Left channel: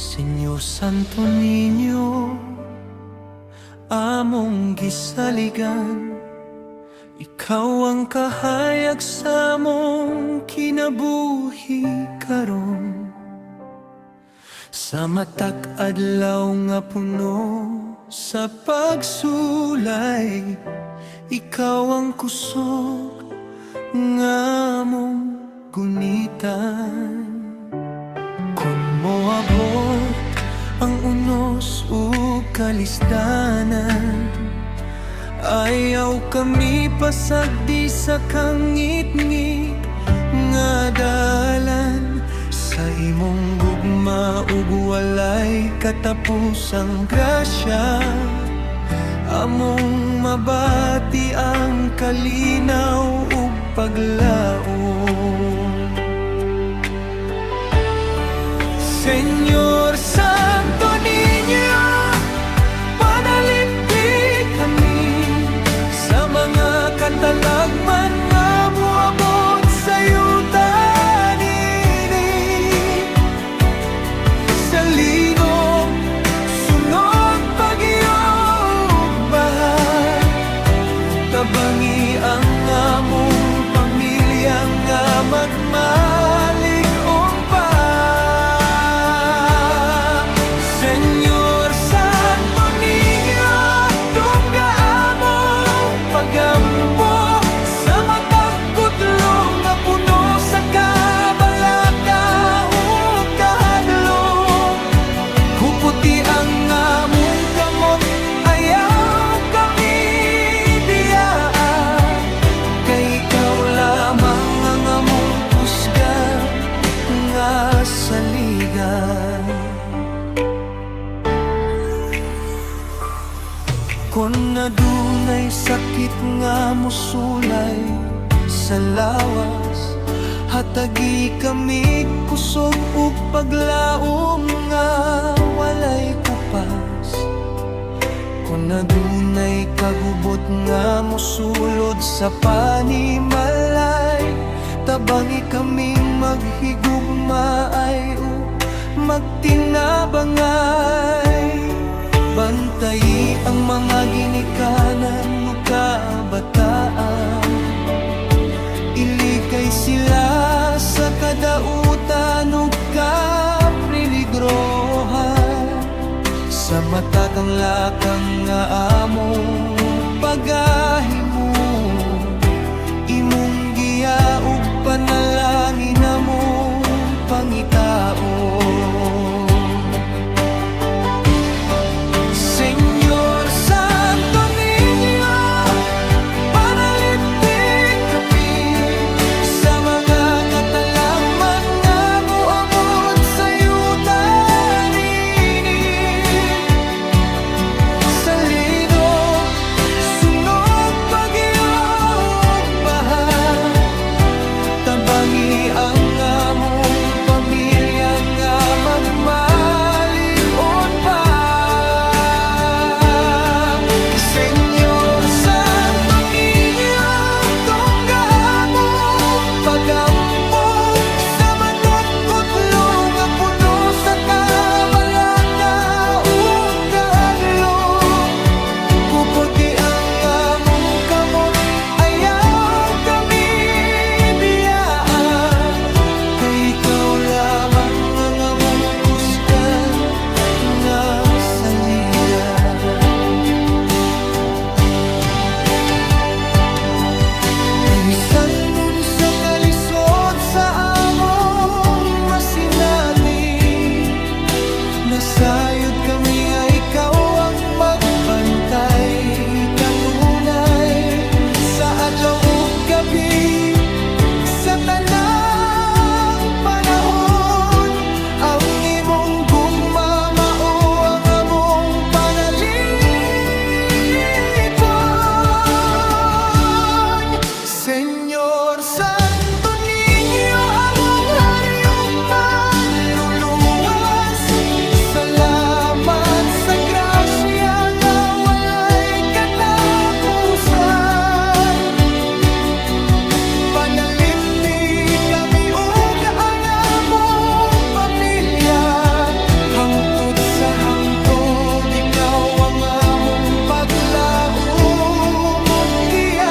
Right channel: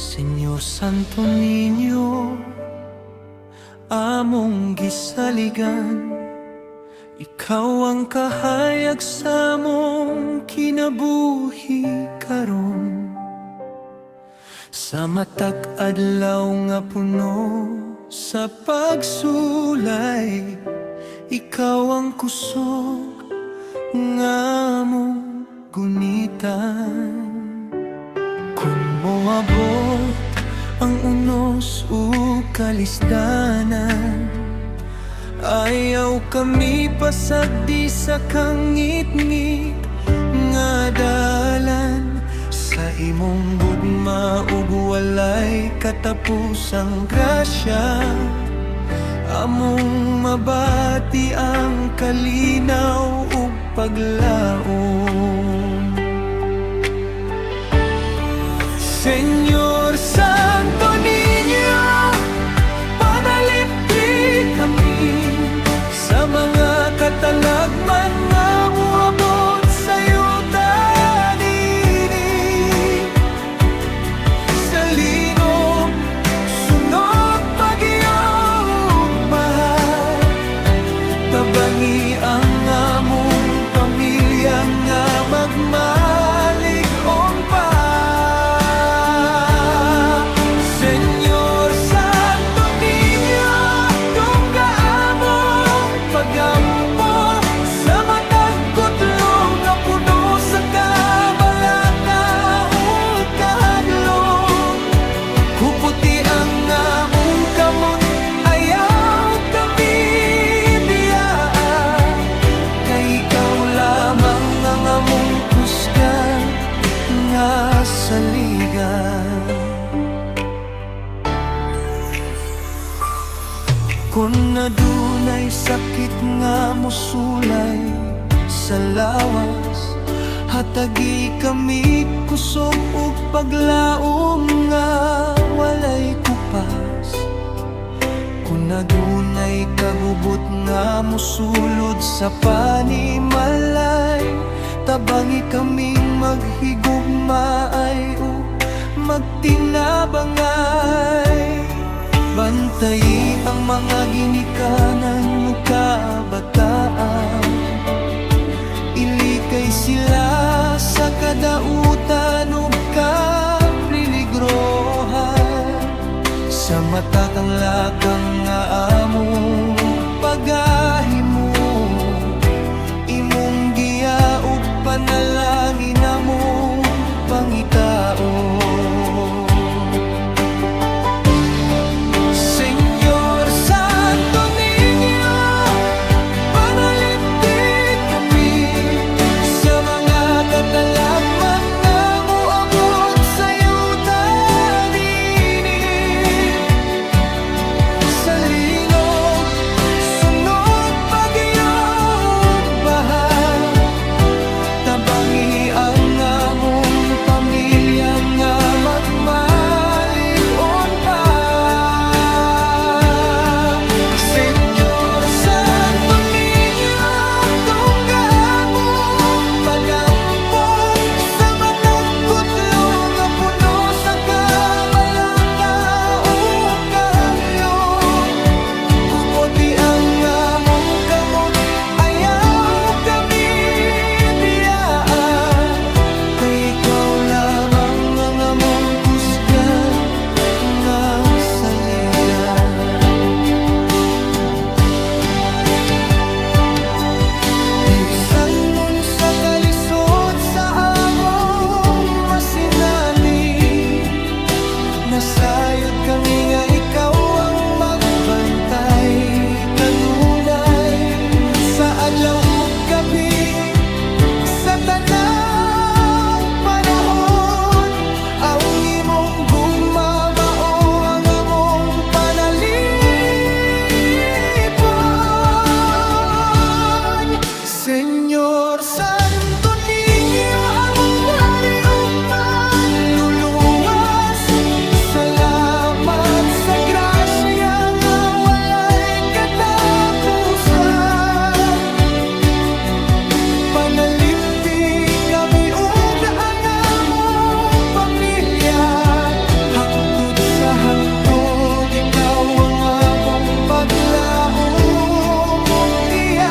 Señor Santo Niño, among gisaligan, ikaw ang kahayag sa among kinabuhi karon. Sa matag adlaw nga puno sa pagsulay, ikaw ang kusog nga among gunitan. Kung moabot ang unos ug kalisdanan, ayaw kami pasagdi sa kangit-ngit nga dalan. Sa imong gugma ug walay katapusang grasya, among mabati ang kalinaw ug paglaom. Señor Santo Niño, panalipdi kami sa mga katalagman nga moabot sa yuta nini. Sa linog, sunog, bagyo ug baha, tabangi ang among pamilya nga magmalig-on pa. Señor Santo Niño, tungga among pagampo sa matag kutlo nga puno sa kabalaka ug kahadlong. Kuputi ang among kamot, ayaw kami biyaa, kay ikaw lamang ang among kusgan nga saligan. Kung nadunay sakit nga mosulay sa lawas, hatagi kami kusog ug paglaom nga walay kupas. Kung nadunay kagubot nga mosulod sa panimalay, tabangi kaming maghigugmaay ug magtinabangay. Bantayi ang mga ginikanan o kabataan, ilikay sila sa kadautan o kapriligrohan. Sa mata kang lakang nga among pagahimo, imong giya ug panalangin among pangitaon. Señor Santo Niño, panalipdi kami sa mga katalagman nga moabot sa yuta nini. Sa linog, sunog, bagyo ug baha, tabangi ang among pamilya nga magmalig-on pa. Ikaw lamang ang among kusgan nga saligan. Bisan nun sa kalisod sa among masinati, nasayod kami nga ikaw ang magbantay kanunay sa adlaw ug gabi. Sa tanang panahon, ang imong gugma mao ang among panalipon. Señor Santo Niño, among hari ug manluluwas, salamat sa grasya nga walay katapusan. hangtod ikaw ang among paglaom ug giyan.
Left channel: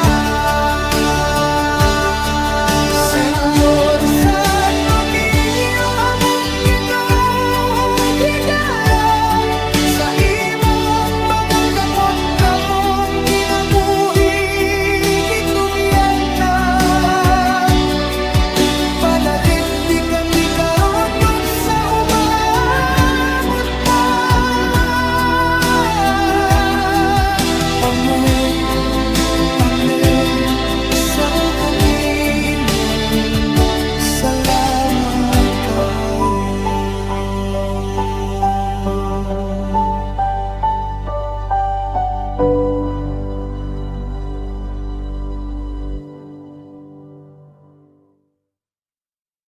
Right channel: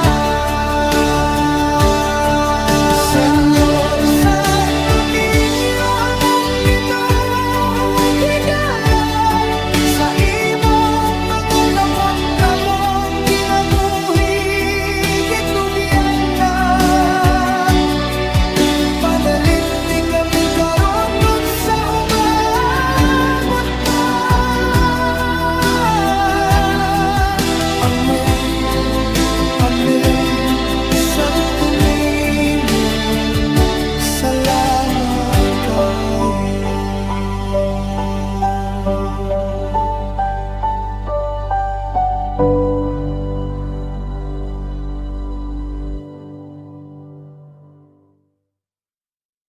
Senyor Santo Niño, among Ginoo, higala sa imong mga kamot namong kinabuhi, gitugyan na. Panalit di kami karon ug sa umabot pa. Amor, Amen, Santo Niño, salamat ka.